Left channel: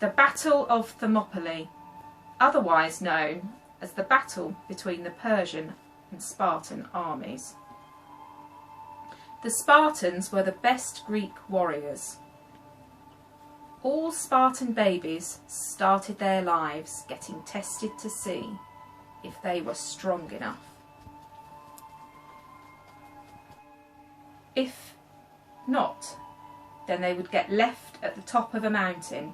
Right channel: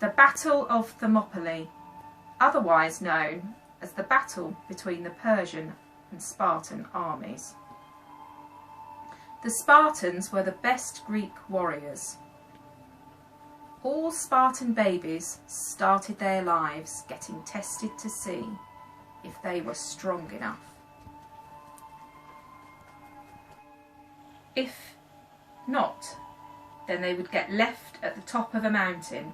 The Battle of Thermopylae, otherwise known as the battle between the Persian and Spartan armies. The Spartans were the best Greek warriors. All Spartan babies started their lives getting tested to see if they were strong enough. If not, then they would get left at the top of a mountain.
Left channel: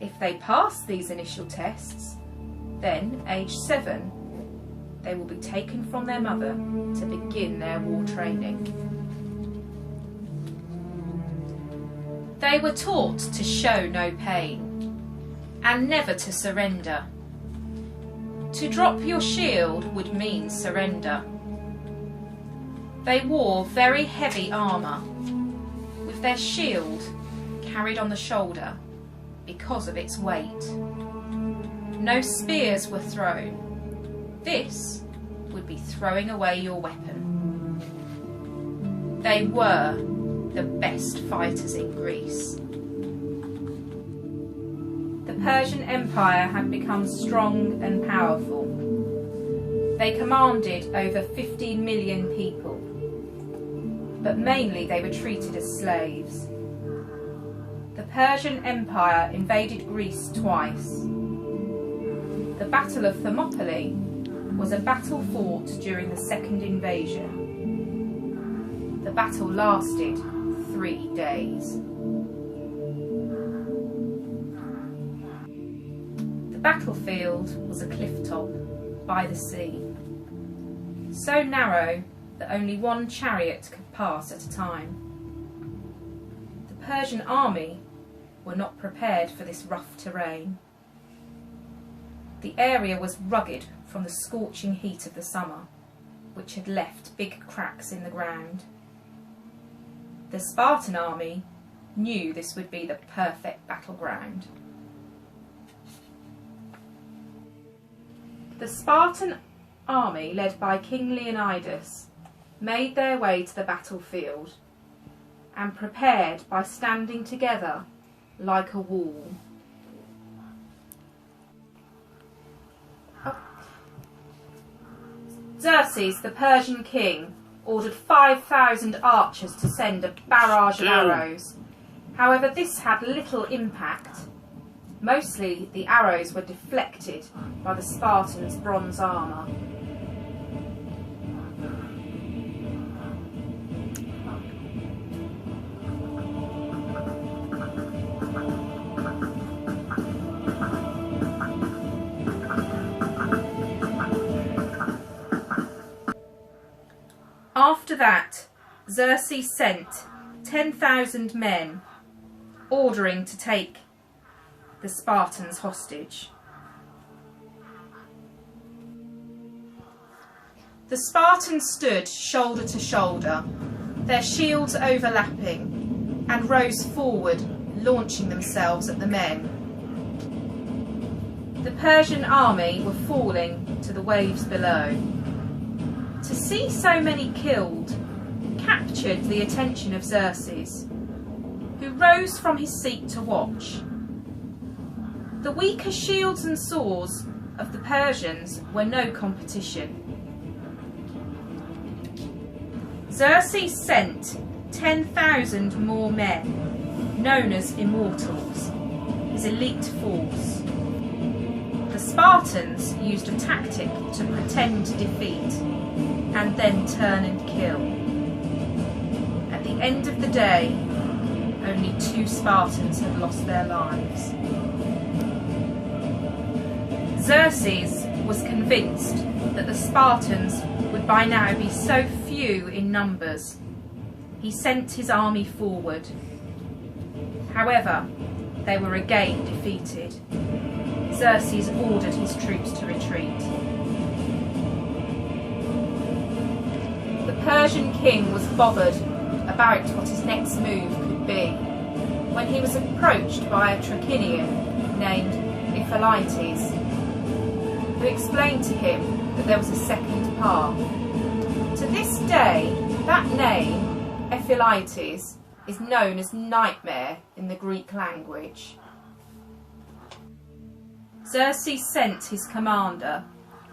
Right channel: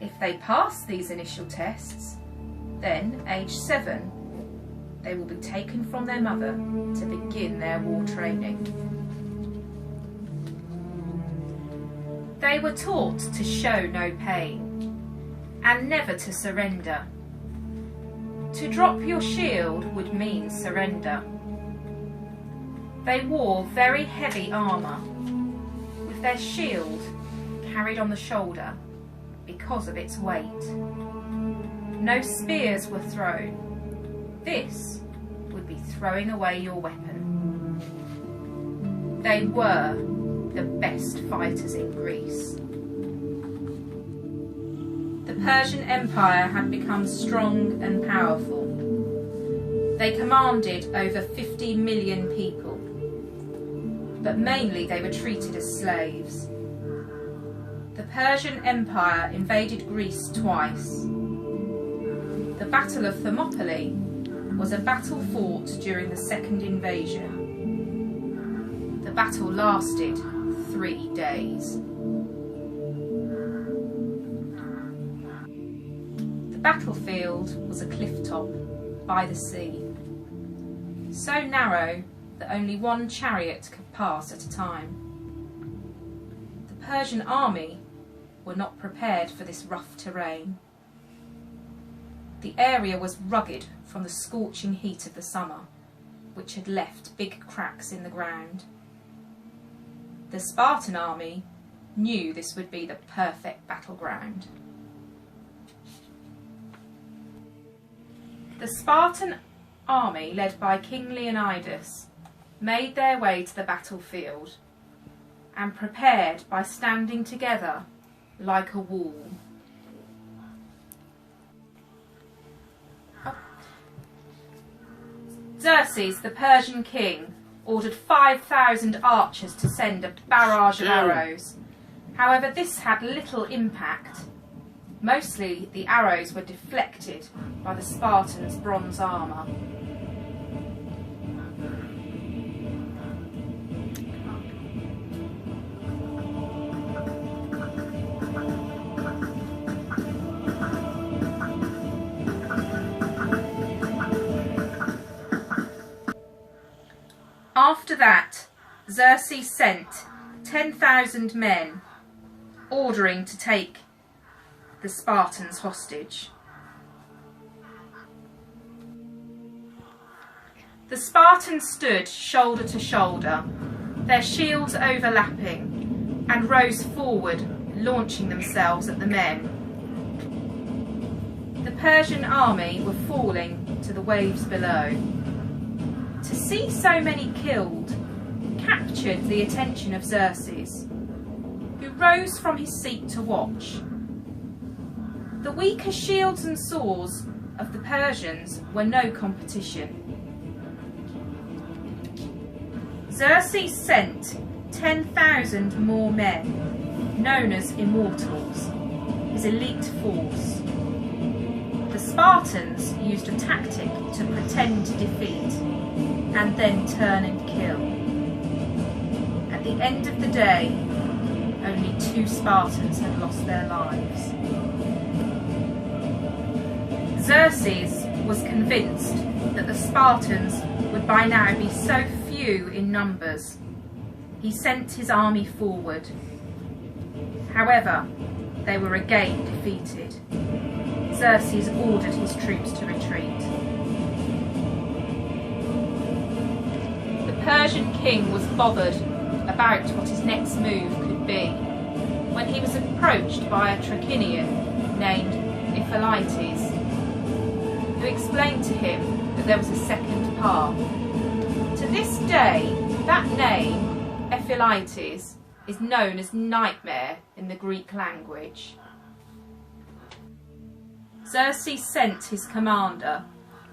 If they passed these initial tests, then, age 7, they will be taken from their mother to begin their war training. They were taught to show no pain and never to surrender. To drop your shield would mean surrender. They wore very heavy armour, with their shield carried on the shoulder because of its weight. No spears were thrown. This would be throwing away your weapon. They were the best fighters in Greece. The Persian Empire had become strong and powerful. They commanded over 50 million people, but mainly they were treated as slaves. The Persian Empire invaded Greece twice. The Battle of Thermopylae was a battle fought during the second invasion. The battle lasted 3 days. The battlefield was a cliff top by the sea, so narrow that only one chariot could pass at a time. The Persian army were not prepared for this rough terrain. The area was rugged from the scorching heat of the summer, which had left big cracks in the ground. The Spartan army knew this would be the perfect battleground. The Spartan army, led by King Leonidas, made their way to the battlefield and prepared by standing together like a wall. Xerxes, the Persian king, ordered 5,000 archers to send a barrage of arrows. However, this had little impact. Mostly the arrows were deflected by the Spartans' bronze armour. After that, Xerxes sent 10,000 men, ordering to take the Spartans hostage. The Spartans stood shoulder to shoulder, their shields overlapping, and rose forward, launching themselves at the men. The Persian army were falling to the waves below. To see so many killed captured the attention of Xerxes, who rose from his seat to watch. The weaker shields and swords of the Persians were no competition. Xerxes sent 10,000 more men, known as Immortals, his elite force. The Spartans used a tactic to pretend defeat and then turn and kill. At the end of the day, only 2 Spartans had lost their lives. Xerxes was convinced that the Spartans would by now be so few in numbers. He sent his army forward. However, they were again defeated. Xerxes ordered his troops to retreat. The Persian king was bothered about what his next move could be when he was approached by a Trachinian named Ephialtes, who explained to him that there was a second path. To this day, that name, Ephialtes, is known as nightmare in the Greek language. Xerxes sent his commander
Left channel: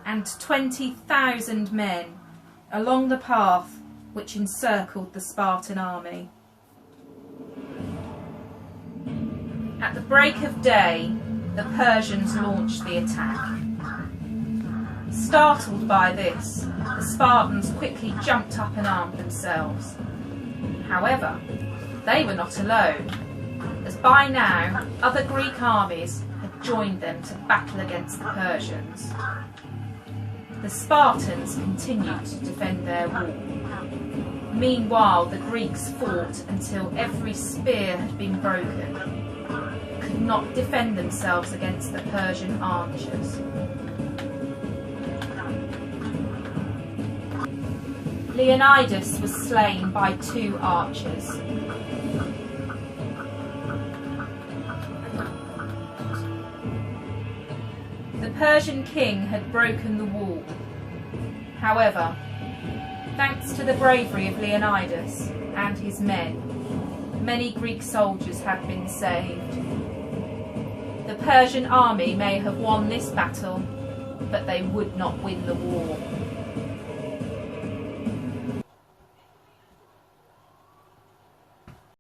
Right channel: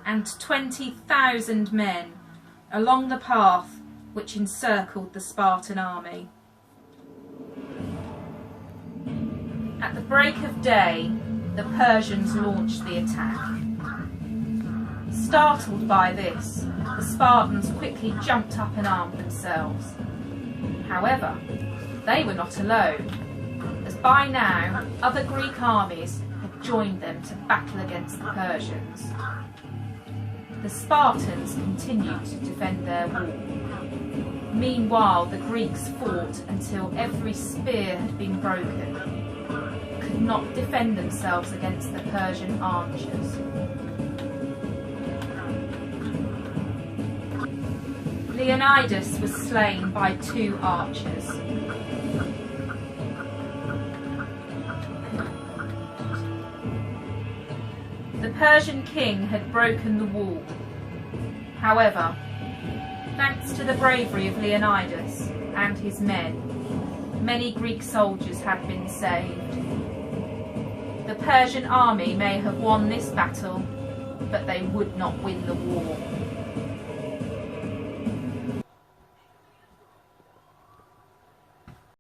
and 20,000 men along the path which encircled the Spartan army. At the break of day, the Persians launched the attack. Startled by this, the Spartans quickly jumped up and armed themselves. However, they were not alone, as by now other Greek armies had joined them to battle against the Persians. The Spartans continued to defend their wall. Meanwhile, the Greeks fought until every spear had been broken, could not defend themselves against the Persian archers. Leonidas was slain by 2 archers. The Persian king had broken the wall. However, thanks to the bravery of Leonidas and his men, many Greek soldiers had been saved. The Persian army may have won this battle, but they would not win the war.